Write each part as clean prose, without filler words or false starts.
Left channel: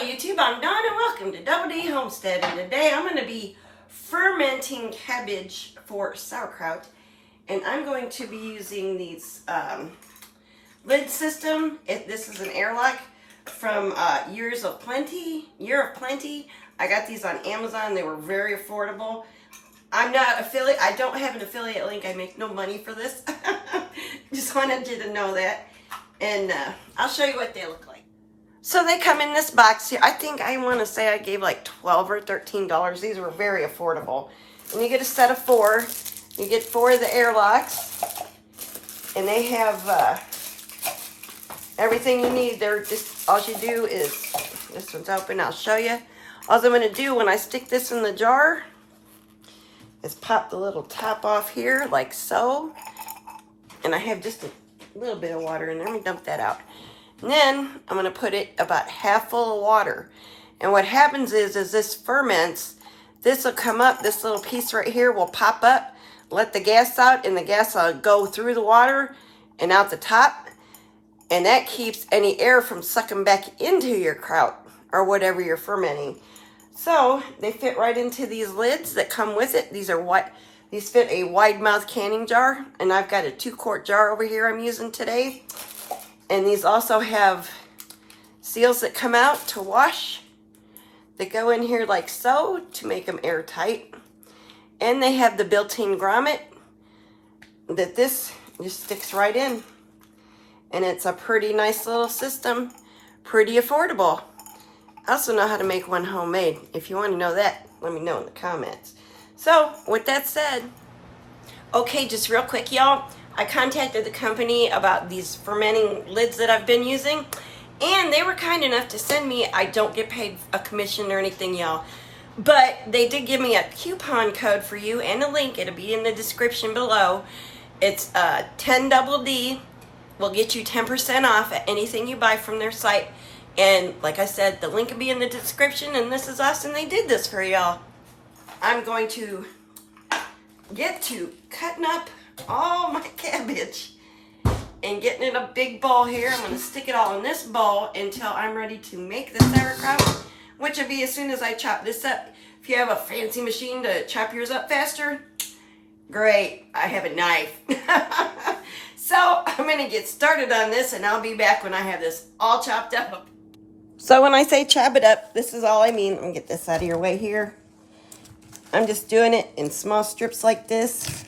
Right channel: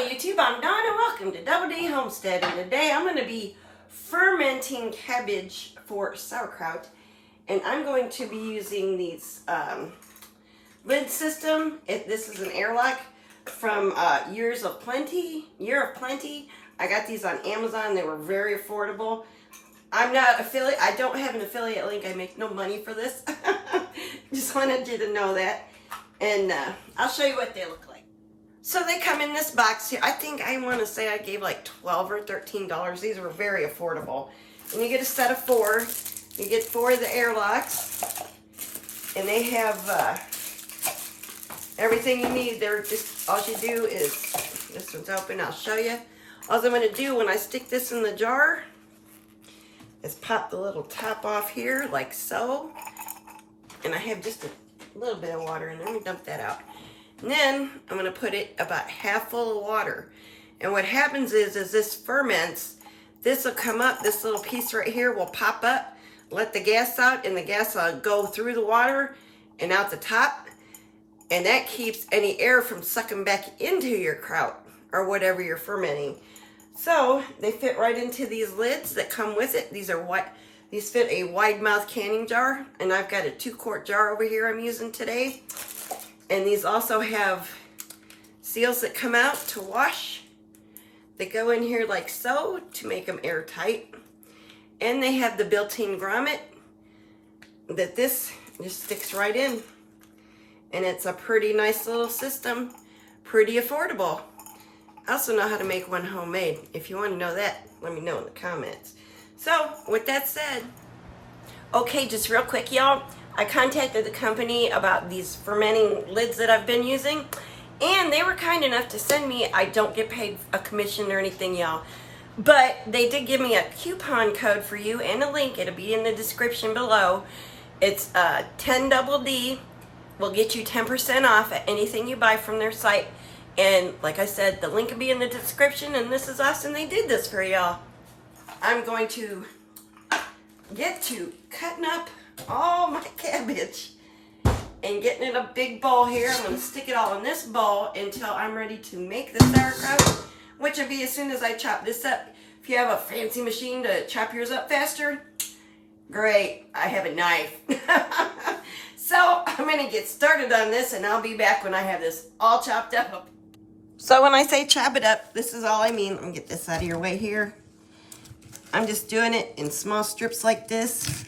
Hello YouTube, I'm Dawn and welcome to Doubledhomestead, and today I'm going to be fermenting cabbage for sauerkraut, and I'm going to be using these lid system. This is an airlock from Year of Plenty. I got these on Amazon. They were very affordable. I'm not affiliate. I don't have an affiliate link. I make no money for this. Just wanted you to know that, and I'll show you what they look like. So they come in this box here. I think I want to say I gave like $12 or $13. These were very affordable. And you get a set of 4. You get 4 of the airlocks. And they have everything you need. They're just, all you do is, this one's open, I'll show you. All I'm going to do when I stick this in the jar is pop the little top off here like so. And I have just a little bit of water in there. Let me dump that out. And then I'm going to put it about half full of water. And what happens is this ferments, this will come up, this little piece right here will pop up, let the gas out, and the gas will go through the water and out the top. And that keeps any air from sucking back into your kraut or whatever you're fermenting. So they fit right into these lids that come with it. These fit a wide mouth canning jar. And I've got a 2-quart jar over here I'm using today. And these also have seals that come out to wash. They go in here like so to make them airtight. And they have the built-in grommet that this just sticks right in. And it's a pretty nice little system, pretty affordable. I also know how to make one homemade. If you want to know that, let me know in the comments. So, with that said, okay, just real quick, y'all. I contacted the company about these fermenting lids that I've been using, and they were kind enough to send me, I don't get paid a commission or anything, y'all, but they did give me a coupon code for you and a link. It'll be in the description below. It's 10DD will get you 10% off at anything you buy from their site. And like I said, the link will be in the description, and this is awesome. They did this for y'all. I'm going to get to cutting up all my cabbage and getting in a big bowl here. I'm going to stick it all in this bowl until I'm ready to make the sauerkraut, which will be as soon as I chop this up. If you have a fancy machine to chop yours up faster, great. I have a knife. So I'm going to get started on this, and I'll be back when I have this all chopped up. So when I say chop it up, this is all I mean. Let me get this out of your way here. I'm just doing it in small strips like this.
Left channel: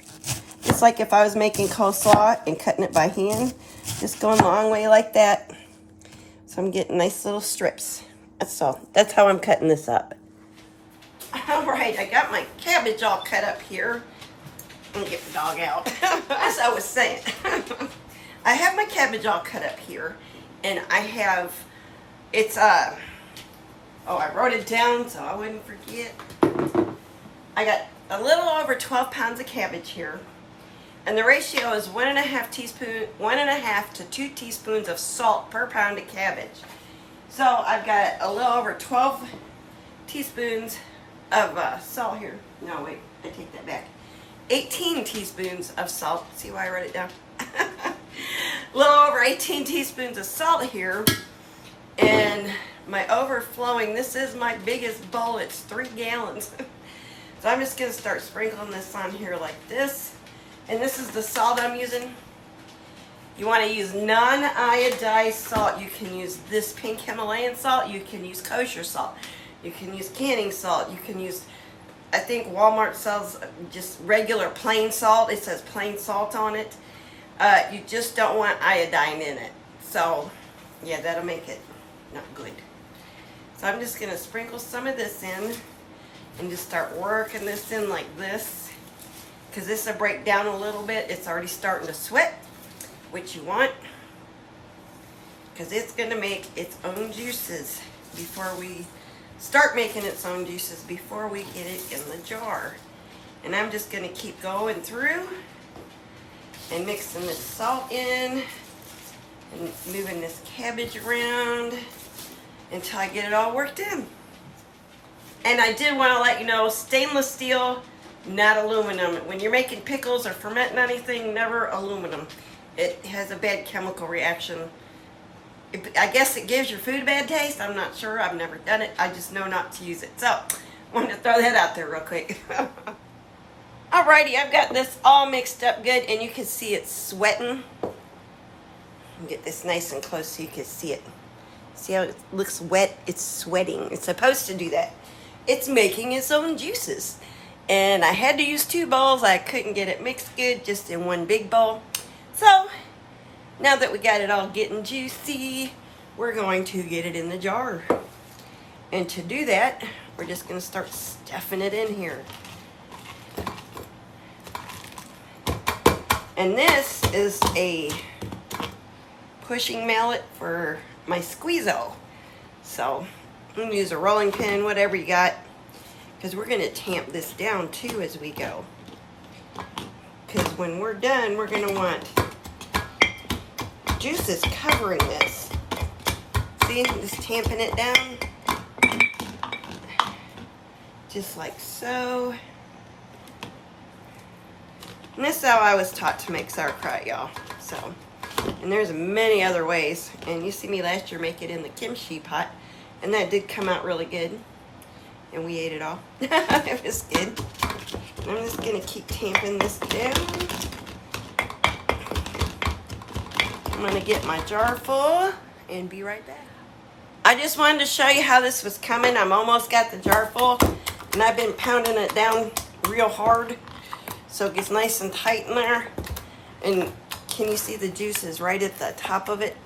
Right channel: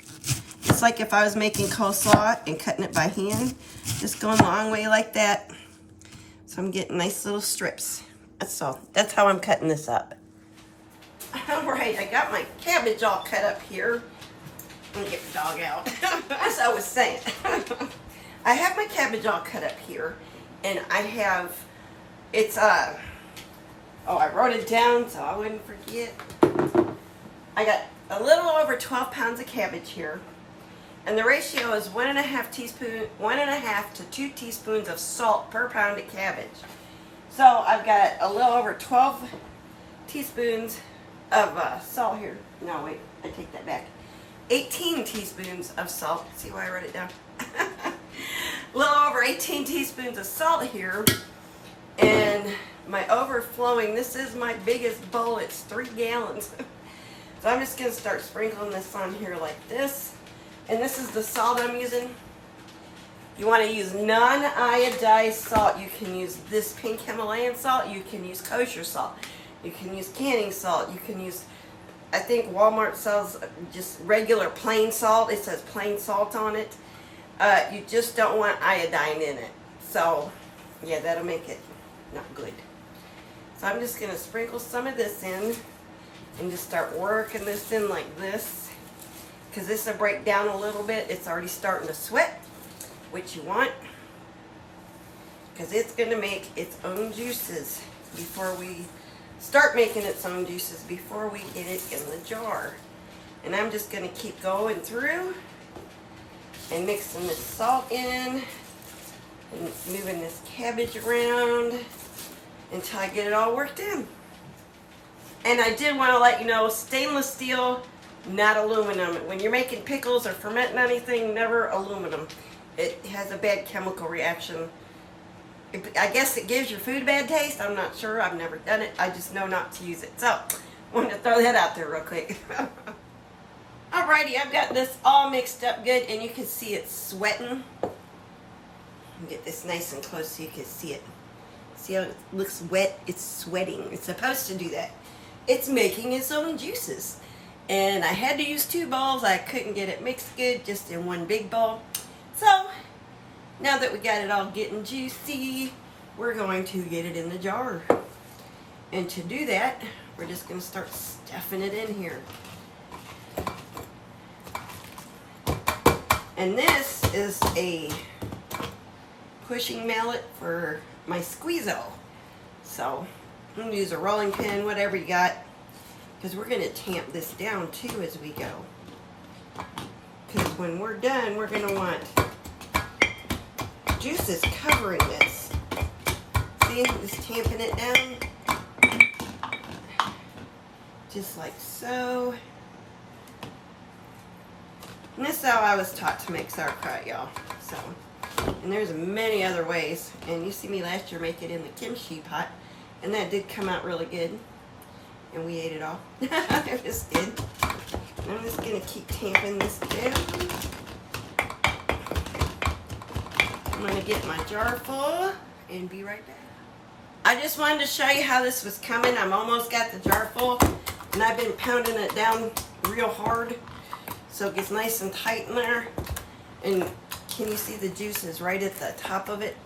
It's like if I was making coleslaw and cutting it by hand. Just going a long way like that. So I'm getting nice little strips. That's all. That's how I'm cutting this up. Alright, I got my cabbage all cut up here. Let me get the dog out. As I was saying. I have my cabbage all cut up here. And I have, it's, oh, I wrote it down so I wouldn't forget. I got a little over 12 pounds of cabbage here. And the ratio is 1.5 to 2 teaspoons of salt per pound of cabbage. So I've got a little over 12 teaspoons of salt here. No, wait, I take that back. 18 teaspoons of salt. See why I wrote it down? A little over 18 teaspoons of salt here. And my overflowing, this is my biggest bowl. It's 3 gallons. So I'm just going to start sprinkling this on here like this. And this is the salt I'm using. You want to use non-iodized salt. You can use this pink Himalayan salt. You can use kosher salt. You can use canning salt. You can use, I think Walmart sells just regular plain salt. It says plain salt on it. You just don't want iodine in it. So, yeah, that'll make it not good. So I'm just going to sprinkle some of this in and just start working this in like this. Because this will break down a little bit. It's already starting to sweat, which you want. Because it's going to make its own juices before we start making its own juices before we get it in the jar. And I'm just going to keep going through and mixing this salt in and moving this cabbage around until I get it all worked in. And I did want to let you know, stainless steel, not aluminum. When you're making pickles or fermenting anything, never aluminum. It has a bad chemical reaction I guess it gives your food a bad taste. I'm not sure. I've never done it. I just know not to use it. So, I wanted to throw that out there real quick. Alrighty, I've got this all mixed up good, and you can see it's sweating. Get this nice and close so you can see it. See how it looks wet? It's sweating. It's supposed to do that. It's making its own juices. And I had to use 2 bowls. I couldn't get it mixed good, just in one big bowl. So, now that we got it all getting juicy, we're going to get it in the jar. And to do that, we're just going to start stuffing it in here. And this is a pushing mallet for my squeezo. So, I'm going to use a rolling pin, whatever you got. Because we're going to tamp this down too as we go. Because when we're done, we're going to want juices covering this. See, just tamping it down. Just like so. And this is how I was taught to make sauerkraut, y'all. So, and there's many other ways. And you see me last year make it in the kimchi pot. And that did come out really good. And we ate it all. It was good. And I'm just going to keep tamping this down. I'm going to get my jar full and be right back. I just wanted to show you how this was coming. I'm almost got the jar full. And I've been pounding it down real hard. So it gets nice and tight in there. And can you see the juices right at the top of it?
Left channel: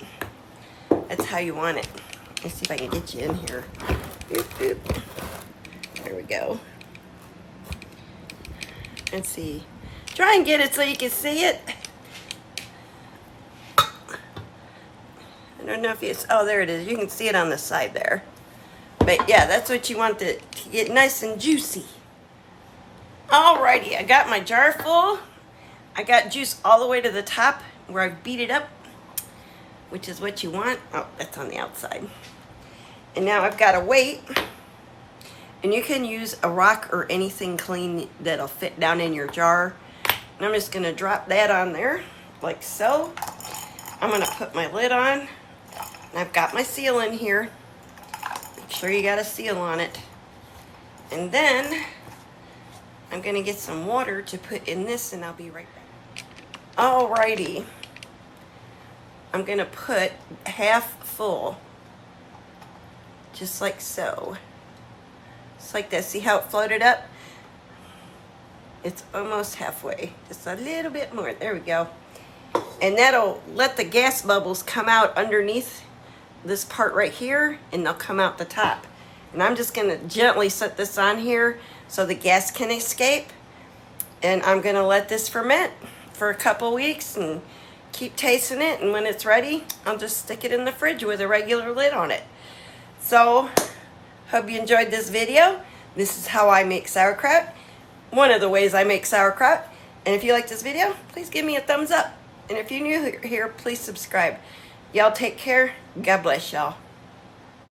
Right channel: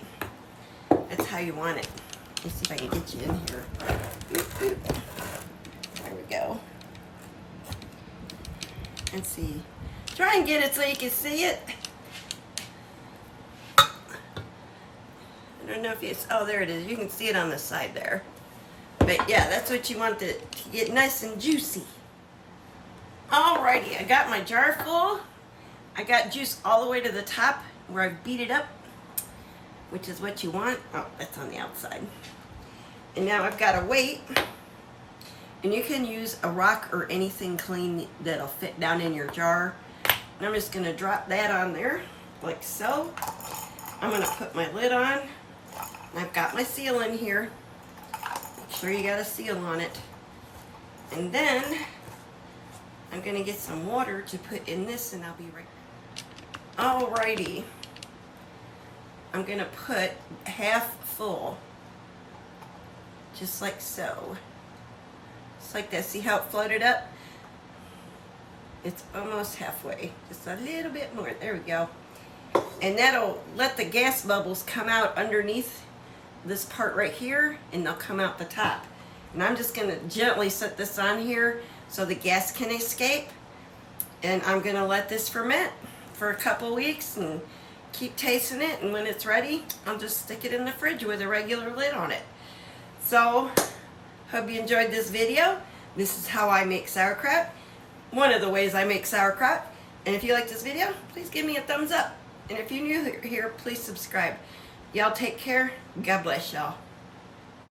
That's how you want it. Let's see if I can get you in here. Boop, boop. There we go. Let's see. Try and get it so you can see it. I don't know if it's, oh, there it is. You can see it on the side there. But yeah, that's what you want it to get nice and juicy. Alrighty, I got my jar full. I got juice all the way to the top where I beat it up, which is what you want. Oh, that's on the outside. And now I've got a weight. And you can use a rock or anything clean that'll fit down in your jar. And I'm just going to drop that on there, like so. I'm going to put my lid on. And I've got my seal in here. Make sure you got a seal on it. And then I'm going to get some water to put in this, and I'll be right back. Alrighty. I'm going to put half full. Just like so. Just like this. See how it floated up? It's almost halfway. Just a little bit more. There we go. And that'll let the gas bubbles come out underneath this part right here, and they'll come out the top. And I'm just going to gently set this on here so the gas can escape. And I'm going to let this ferment for a couple weeks and keep tasting it. And when it's ready, I'll just stick it in the fridge with a regular lid on it. So, hope you enjoyed this video. This is how I make sauerkraut. One of the ways I make sauerkraut. And if you like this video, please give me a thumbs up. And if you're new here, please subscribe. Y'all take care. God bless y'all.